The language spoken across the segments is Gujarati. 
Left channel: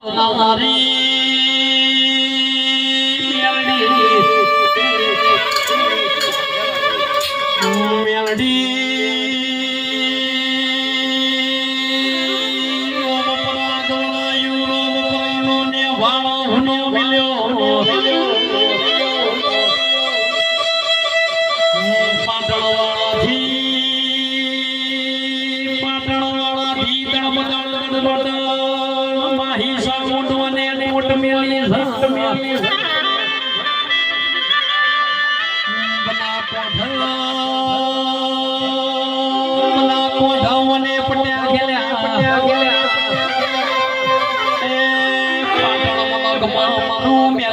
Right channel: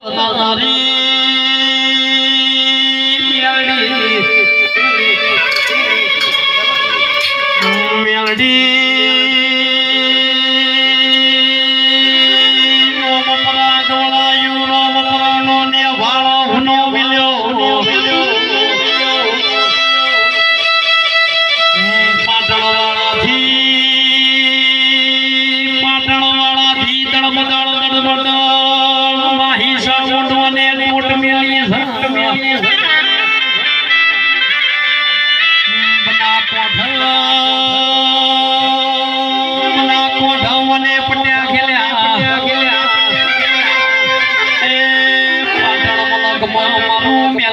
Pertama.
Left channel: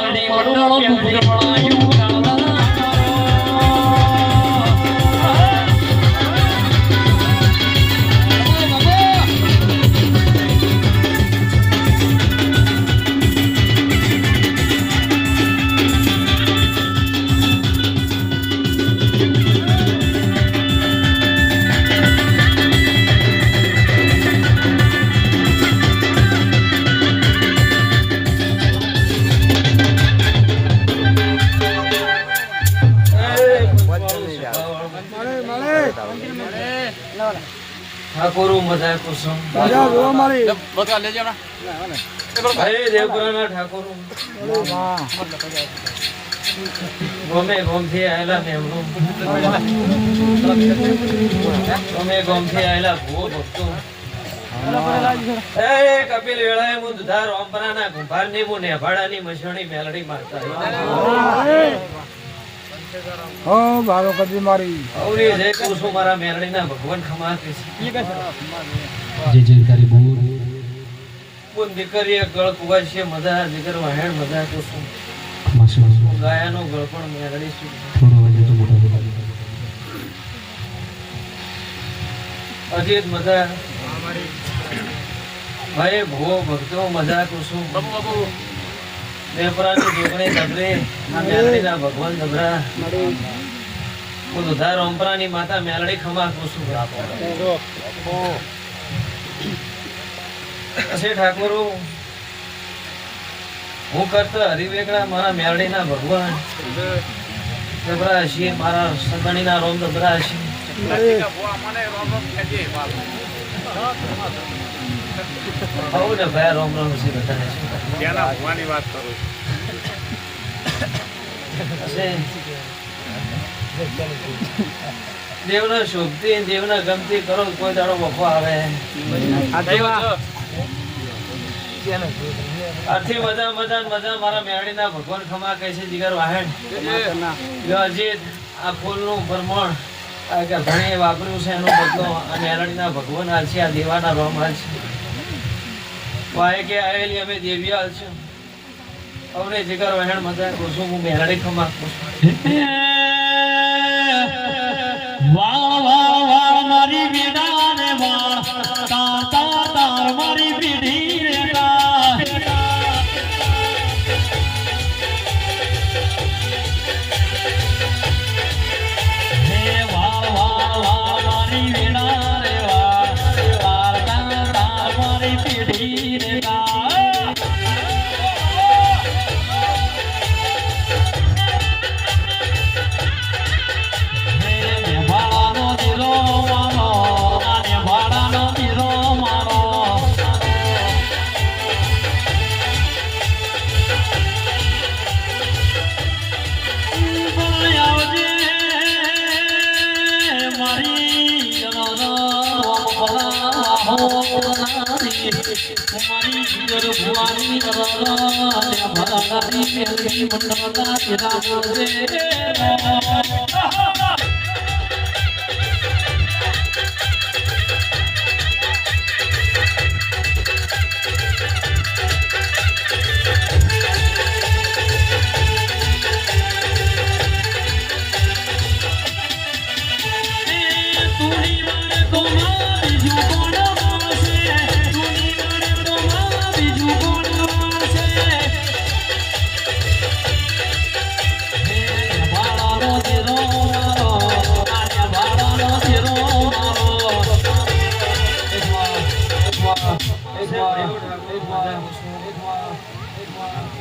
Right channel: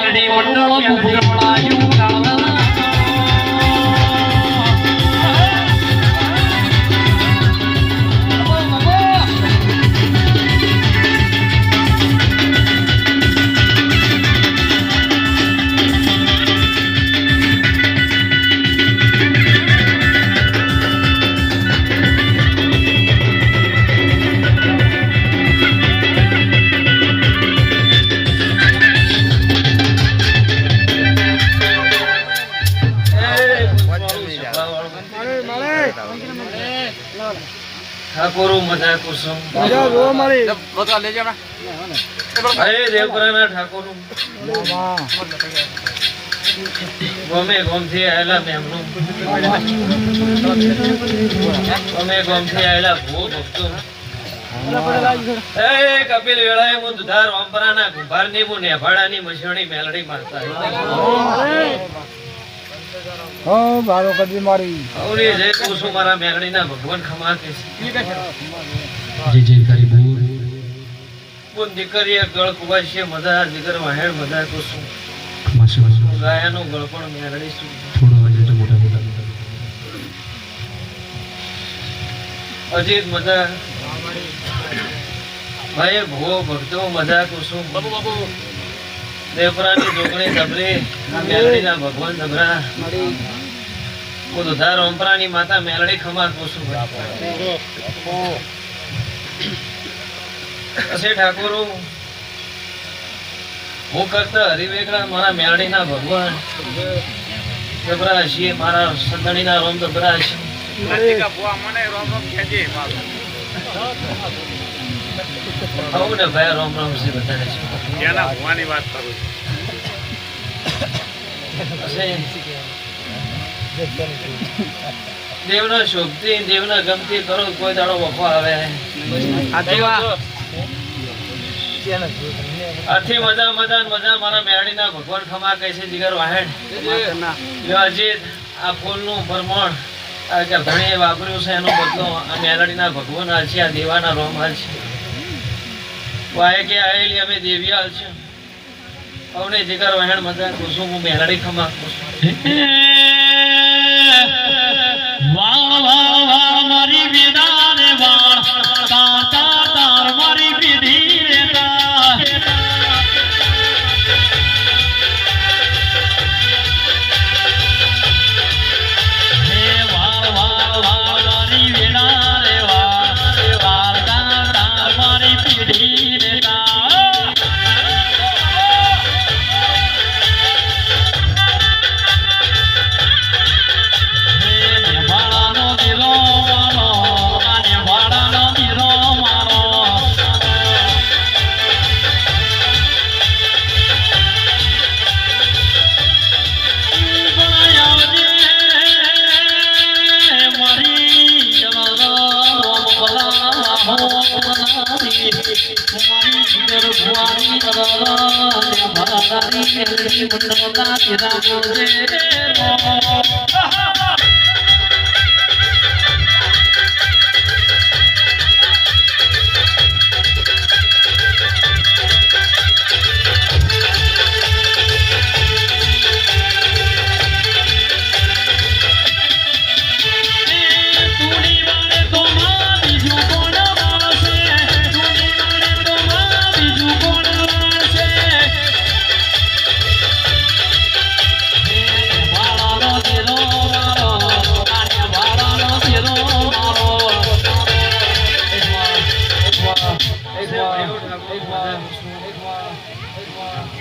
ഞങ്ങളുടെ മുന്നോട്ട് പുകമളായും ઠાકોરો મજા કુસુમ. અરે દેવપુરાના ઠાકોર. ગમે ગમથી આયેલા મેમનું. ગમે ગમથી આયેલા ભૂ ભક્તો એ કપિલ વેળાએ હું દુધાર ઓમપરાના કુંભારની હું નેભાડાની મસણી મેલડી મારતા. હો મારો કદી મારી. અવની જે કુસુમ મારા મેલડીના ભગવાન ખમા કે છે. જે જયકારી બોર બોન દીકરીએ ગળ કુવાશે મધા જીગર વાહેણ મધા કુસુમ માશે ગાયાનો ગળ પણ મેલડી સુ થોડો વજે તો મોટા મોટા. મોટા અજીત મજા ભાઈ ભો ભક્તો મજા કુસુમ દેવપરાની જોગણી ધબરે મેલડીના ભગવાન ધબરા હું દુધાર ઓમપરાની માતા મેલડી ખમા કુસુમ અસે ઠાકોર, હું કરતા હરિવેગડા મારા મેલડીના ભગવાન. ધબરા છીએ, મારા સગણીના રોમ ધબરા છીએ. આવું ને ભાઈ રોમ રોમ શ્રી બતાવે છે દેવનો શોભતી દેવના ગમતી કરો કોઈ દાડો વફો આવે. આથી મજા મજા ને મજા મારા મેરડીના ભગવાન ખમા કહે છે જીગર વાહેણ અજીત આ ફૂલનું ભરમણ આ કે વાપર્યું છે એનો બદલો આ મેલડીના ભગવાન હાલ છે આ દેવાના રોમ હાલ છે. વાય કે આવેલી અમે દેવી હાલ છે. અમને જીગર વહેણ મજા કુસુમ હું મેલડી ખમા મારી વેદા વાળ. તાર, મારી મારી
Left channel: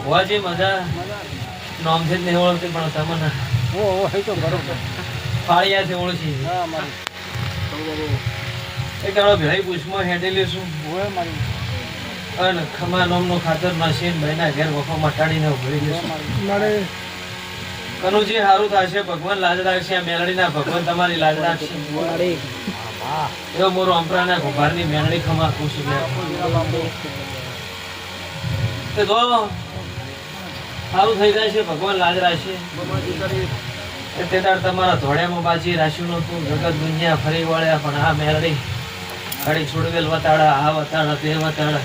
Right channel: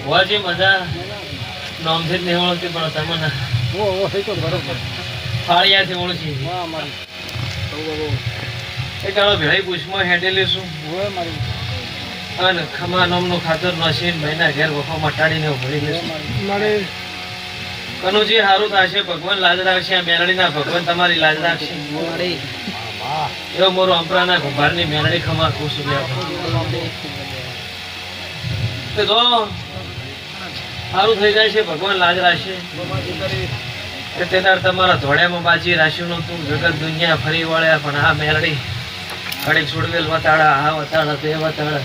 હોવાજી મજા નોમથી જ નહીં ઓળખતી પણ તમને ઓ ઓ એ તો બરોબર. ફાળિયાથી ઓળખી. છે. હા મારી. એ કાળો ભેળી પૂછમાં હેડેલી છું મારી. અને ખમા નામનું ખાતર નાસીને ભાઈના ઘેર વખો મટાડીને ઉભરી દેશું મારી. કનુજી સારું થશે ભગવાન લાજ રાખશે આ મેલડીના ભગવાન તમારી લાજ રાખશે. એવો મોરો અંપરાના ઘુંભારની મેલડી ખમા ખુશ તે તો સારું થઈ જાય છે, ભગવાન લાજ રાખશે તે દાડ તમારા ધોળ્યામાં બાજી રાખ્યું નતું જગત દુનિયા ફરી વળ્યા પણ આ મેરડી ઘડી છોડવેલ વતાડા, આ વતાડા, તે વતાડા.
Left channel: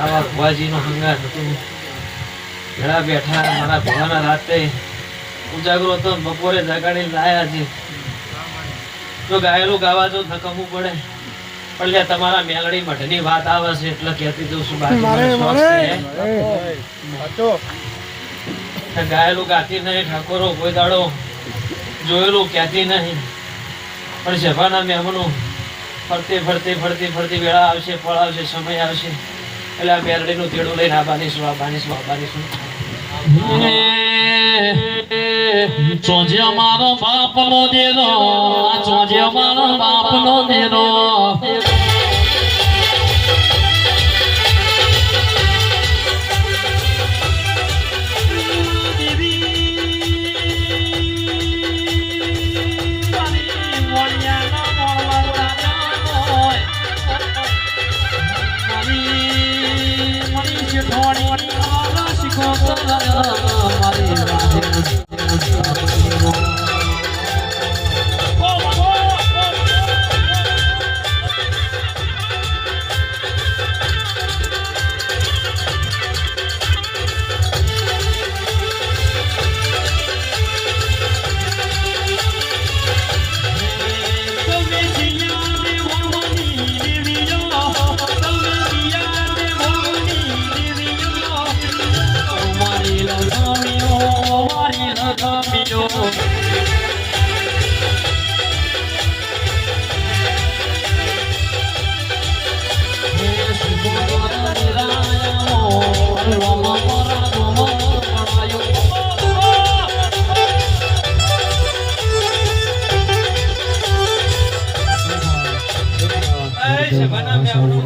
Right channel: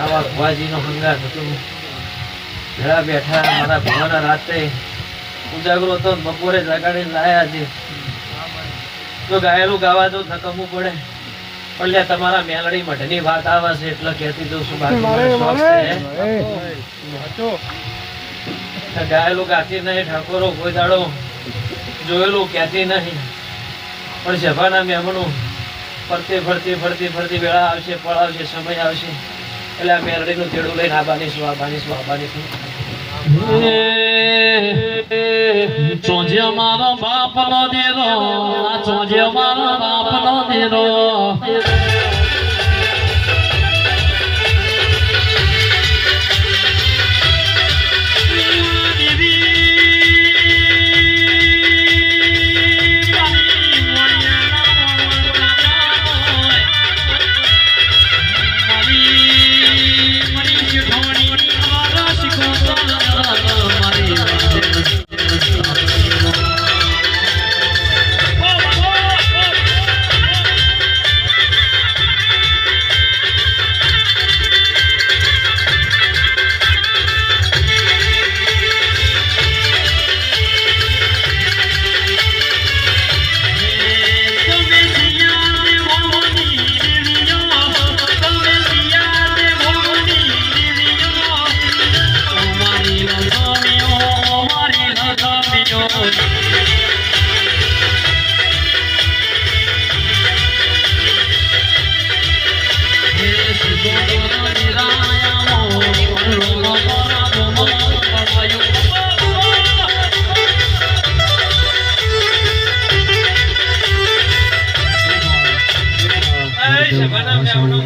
આવા ભુવાજીનો હંગાત હતું. ઘણા બેઠા મારા ભવાના રાતે ઉજાગરો હતો, બપોરે જગાડી લાયા છે. તો ગાયેલું ગાવા તો નકમવું પડે. લ્યા તમારા મેલડી મઠની વાત આવે છે એટલે કહેતી દઉં છું બાકી મને શોખ છે. ગાયેલું ગાતી નહીં ઠાકોરો કોઈ દાડો જોયેલું કહેતી નહીં. પણ સભાના મહેમાનો ફરતી ફરતી ફરતી ફરતી વેળા આવશે પળ આવશે સમય આવશે. એટલે આ મેલડીનું તેડું લઈને આ બાનીશું આ બાનીશું આ બાનીશું ચોજે મારો બાપ નો દેરો ચોજે મારો બાપ નો દેરો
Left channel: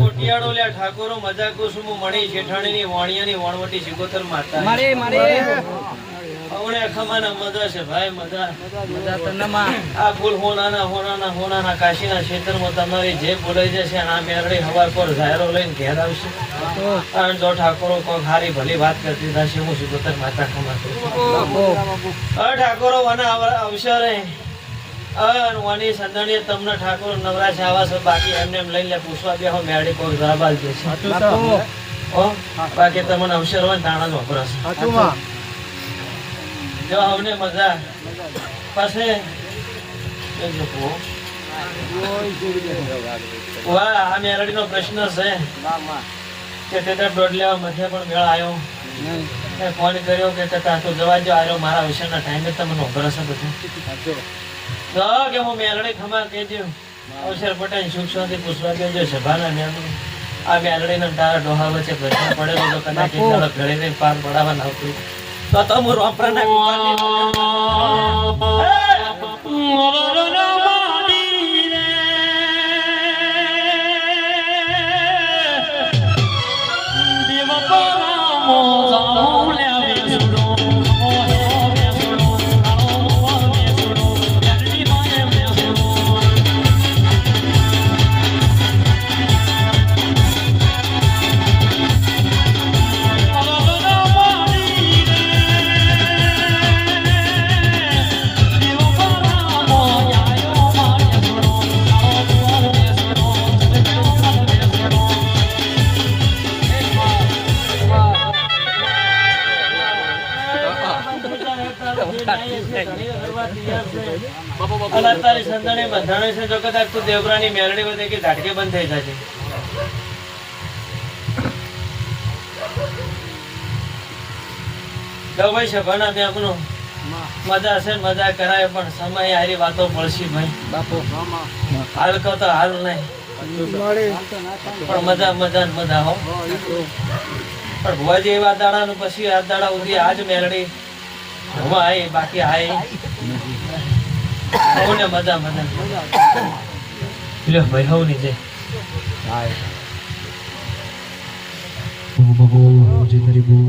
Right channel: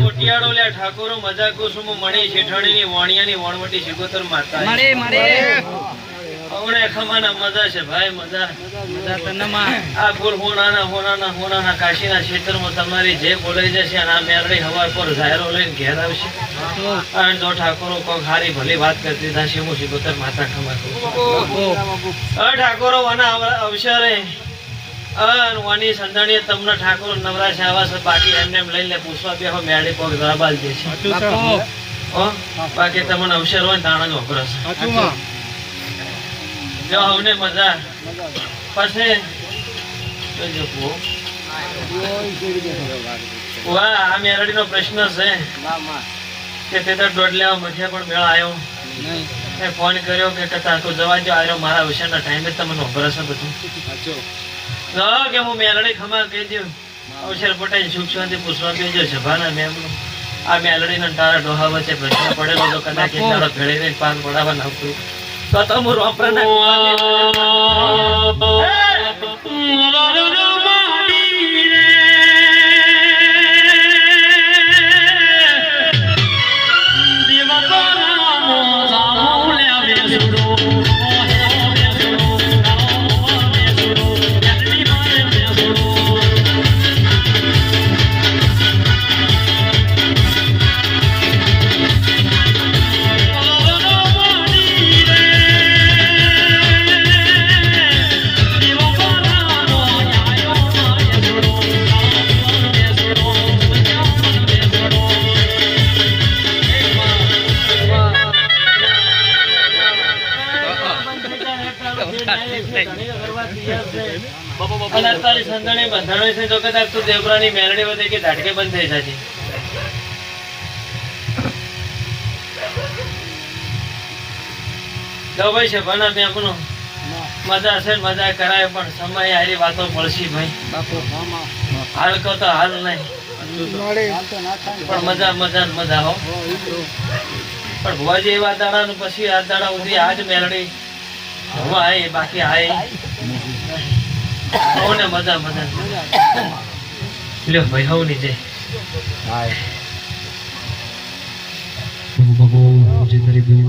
મોટિયાળો લ્યા ઠાકોરો મજા કુસુમો મણી શેઠાણીની વાણિયાની વણવટી શિગોતર માતા. હમણે ખમાના મજા છે ભાઈ મજા. આ ફૂલ હોનાના હોનાના હોનાના કાશીના ક્ષેત્રમાં તમારી જે બોલાઈ જશે આ મેળવી હવાર પર ઝાયરો લઈને ઘેર આવશે. અને જો ઠાકોરો કોક હારી ભલી વાત કરતી થશે હું શિગોતર માતા ખમા ઠાકોરો વના અવસરે અન વાની સંધણીએ તમને ઠાકોર નવરાશ આવા છે બાકી એમને એમ લઈને પૂછવા બેહો મેળી કોક દરબાર છે. હો બાકી તમને અવસર હોય તાણા જ વપરાશ જો અમને મજા. પાસે વાહ આ મેરડીનો પ્રશ્ન છે. કે તે તો દોઢ લેવા મધ્ય પણ મેળ આવ્યો ફોન કર્યો કે કથા તો જવા દો આવ્યો મારા વિષયના ટાઈમે તમને વપરાશ જો કે હું મેલડી ખમા કહેજો અવસર પટેલ સુખ શાંતિ પૂછવા બેજો સભાના મેમ, આ મેલડી ને તારા ડોહા વચ્ચે પ્રશ્ન પડેલો તો કદાચ કેટલા ઘડી રહીને પાર પડાવવા આવતું. તો તો હું રોપરાના અને તારી બંધાણે છે જોકે તાર તું દેવરાની મેલડી વધે કે ધાટકે બંધ થઈ જાય ભાઈ છે ભણા બે આપણું મજા છે મજા કરાય, પણ સમય હારી વાતો પડશે ભાઈ હાલ કહો તો હાલ નહીં. પણ મજા મજા મજા હો. પણ ભવાજી એવા દાડા પછી આ દાડા ઉધી આજ મેલડી હવા બાકી આય હવ ને મજા મજા લ્યો ભાઈ હવની જય હા બહુ બહુ જે તારી